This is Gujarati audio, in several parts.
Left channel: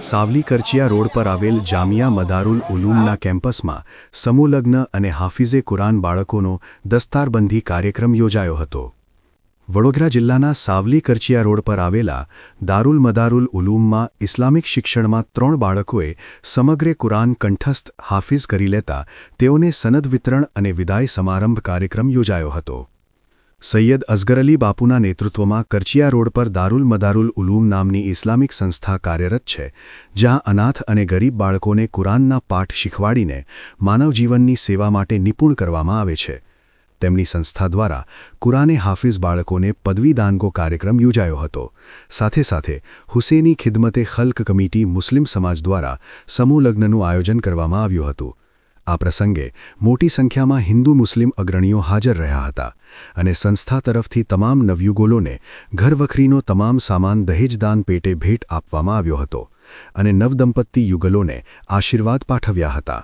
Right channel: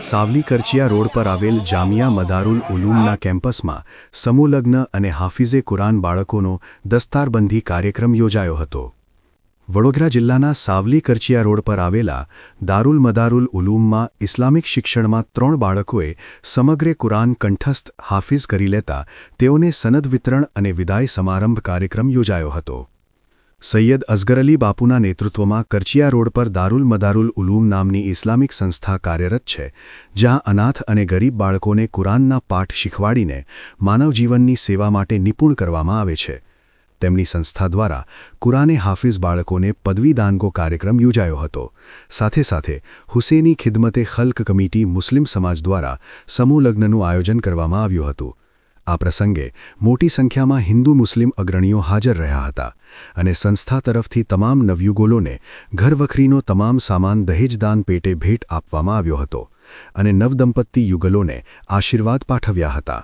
સાવલી કરચિયા રોડ પર આવેલ જામિયા મદારુલ ઉલૂમના કેમ્પસમાં સમૂહલગ્ન અને હાફિઝે કુરાન બાળકોનો દસ્તારબંધી કાર્યક્રમ યોજાયો હતો. વડોદરા જિલ્લાના સાવલી કરચિયા રોડ પર આવેલા દારુલ મદારુલ ઉલૂમમાં ઇસ્લામિક શિક્ષણમાં ત્રણ બાળકોએ સમગ્ર કુરાન કંઠસ્થ હાફિઝ કરી લેતા તેઓને સનદ વિતરણ અને વિદાય સમારંભ કાર્યક્રમ યોજાયો હતો. સૈયદ અઝગર અલી બાપુના નેતૃત્વમાં કરચિયા રોડ પર દારુલ મદારુલ ઉલૂમ નામની ઇસ્લામિક સંસ્થા કાર્યરત છે, જ્યાં અનાથ અને ગરીબ બાળકોને કુરાનના પાઠ શીખવાડીને માનવજીવનની સેવા માટે નિપુણ કરવામાં આવે છે. તેમની સંસ્થા દ્વારા કુરાને હાફિઝ બાળકોને પદવીદાનગો કાર્યક્રમ યોજાયો હતો. સાથે સાથે હુસેની ખિદમતે ખલ્ક કમિટી મુસ્લિમ સમાજ દ્વારા સમૂહ લગ્નનું આયોજન કરવામાં આવ્યું હતું. આ પ્રસંગે મોટી સંખ્યામાં હિન્દુ મુસ્લિમ અગ્રણીઓ હાજર રહ્યા હતા અને સંસ્થા તરફથી તમામ નવયુગોલોને ઘરવખરીનો તમામ સામાન દહેજદાન પેટે ભેટ આપવામાં આવ્યો હતો અને નવદંપત્તિ યુગલોને આશીર્વાદ પાઠવ્યા હતા.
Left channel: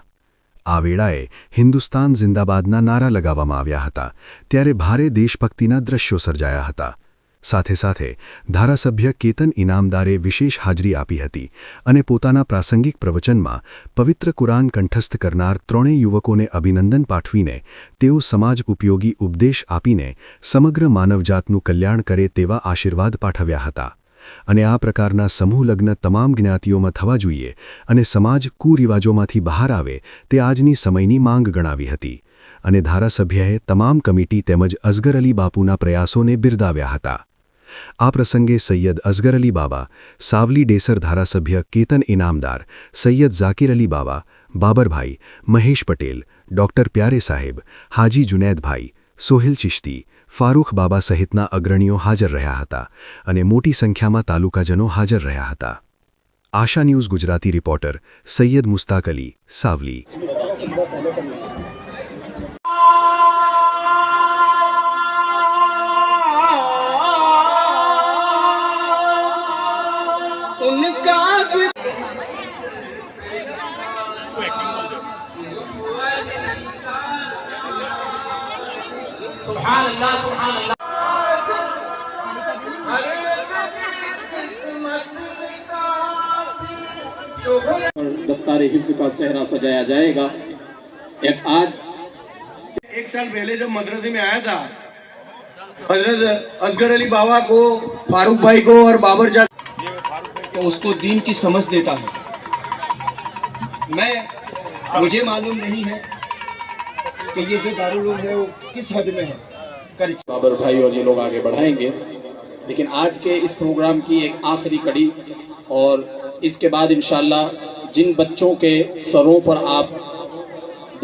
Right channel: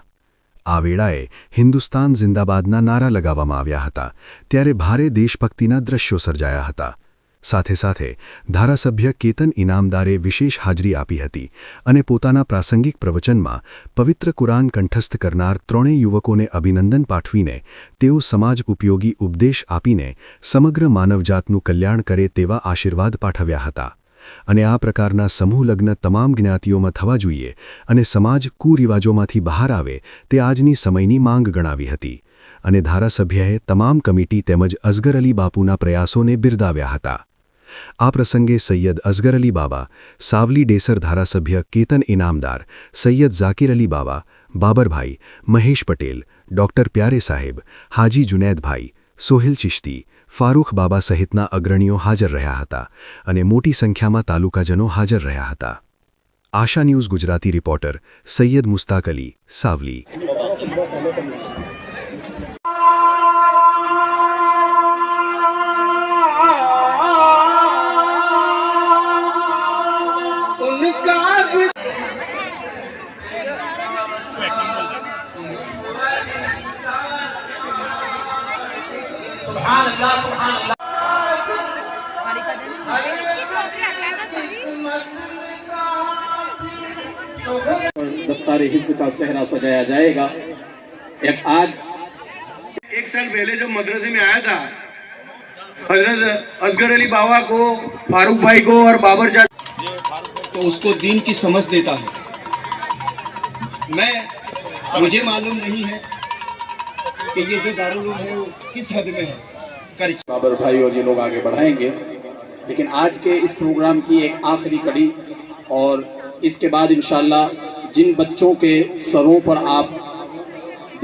આ વેળાએ હિન્દુસ્તાન જિંદાબાદના નારા લગાવવામાં આવ્યા હતા, ત્યારે ભારે દેશભક્તિના દ્રશ્યો સર્જાયા હતા. સાથે સાથે ધારાસભ્ય કેતન ઇનામદારે વિશેષ હાજરી આપી હતી અને પોતાના પ્રાસંગિક પ્રવચનમાં પવિત્ર કુરાન કંઠસ્થ કરનાર ત્રણેય યુવકોને અભિનંદન પાઠવીને તેઓ સમાજ ઉપયોગી ઉપદેશ આપીને સમગ્ર માનવજાતનું કલ્યાણ કરે તેવા આશીર્વાદ પાઠવ્યા હતા. અને આ પ્રકારના સમૂહ લગ્ન તમામ જ્ઞાતિઓમાં થવા જોઈએ અને સમાજ કુરિવાજોમાંથી બહાર આવે તે આજની સમયની માંગ ગણાવી હતી. અને ધારાસભ્યએ તમામ કમિટી તેમજ અઝગર અલી બાપુના પ્રયાસોને બિરદાવ્યા હતા. આ પ્રસંગે સૈયદ અઝગર અલી બાબા સાવલી ડેસર ધારાસભ્ય કેતન ઇનામદાર, સૈયદ ઝાકિર અલી બાબા બાબરભાઈ, મહેશ પટેલ, ડોક્ટર પ્યારે સાહેબ, હાજી જુનેદભાઈ, સોહિલ ચિશ્તી, ફારૂખ બાબા સહિતના અગ્રણીઓ હાજર રહ્યા હતા અને મોટી સંખ્યામાં તાલુકાજનો હાજર રહ્યા હતા. Asha news Gujarati reporter Sayyed Mustaq Ali, Savli. उनका दस्तार हिफ्ज का सहरा सजाया जाएगा। एक आज एक साल पहले जब मदरसे में आया था हज़रत असगर अली बाबा को फारूक भाई को और बाबर जा तो उसको दीन की समझ देता हूँ। मैं मुझे मालूम नहीं है कि ये जो दारुल है वो किस हद में है। बाबर भाई और ये लोग आगे बढ़ाएँगे। लेकिन आज के इस प्रोग्राम की एक आखिरी कड़ी और इसके बाद इंशाल्लाह जिन बच्चों के सरों पर आप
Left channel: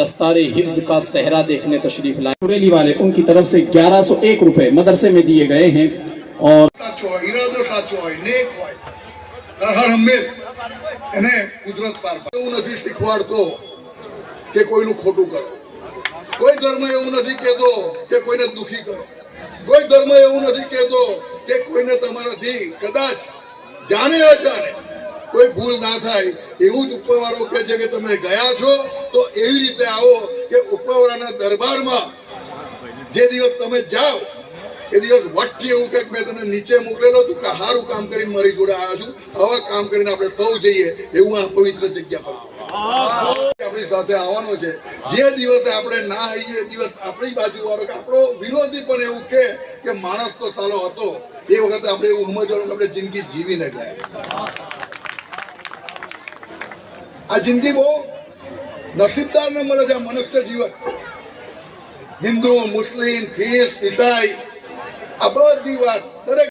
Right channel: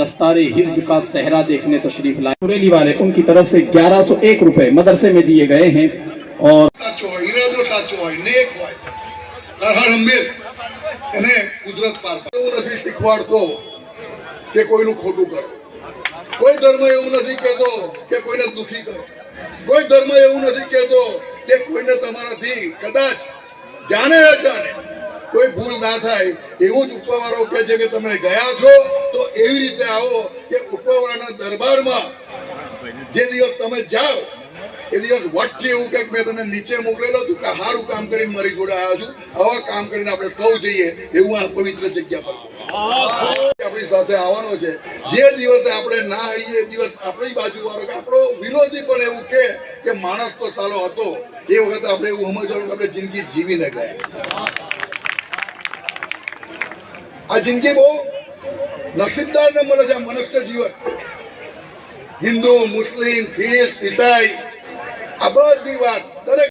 दस्तार हिफ्ज का सहरा देखने तशरीफ़ लाए। सुरेली वाले उनकी तरफ़ से 1101 रुपए मदरसे में दिए गए हैं और સાચો હોય ઈરાદો સાચો હોય નેક હોય હર હર હંમેશ એને કુદરત પાર એવું નથી શીખવાડતો કે કોઈનું ખોટું કરો. કોઈ ધર્મ એવું નથી કહેતો કે કોઈને દુખી કરો. કોઈ ધર્મ એવું નથી કહેતો કે કોઈને તમારાથી કદાચ જાણે અજાણે કોઈ ભૂલ ના થાય. એવું જ ઉપરવાળો કહે છે કે તમે ગયા છો તો એવી રીતે આવો કે ઉપરવાળાના દરબારમાં જે દિવસ તમે જાઓ એ દિવસ વચ્ચે એવું કંઈક મેં તને નીચે મોકલેલો હતું કે સારું કામ કરીને મારી જોડે આવ્યો છું. આવા કામ કરીને આપણે સૌ જઈએ એવું આ પવિત્ર જગ્યા પર. આપણી સાથે આવવાનો છે. જે દિવસે આપણે ના આવીએ દિવસ આપણી બાજુ વાળો આપણો વિરોધી પણ એવું કે કે માણસ તો સાલો હતો. એ વખતે આપણે એવું સમજવાનું કે આપણે જિંદગી જીવી ને ગયા. આ જિંદગી બહુ નસીબદાર ને મળે છે મનુષ્ય જીવન. હિન્દુ, મુસ્લિમ ખ્રિસ્ત ઈસાઈ આ બધી વાત. દરેક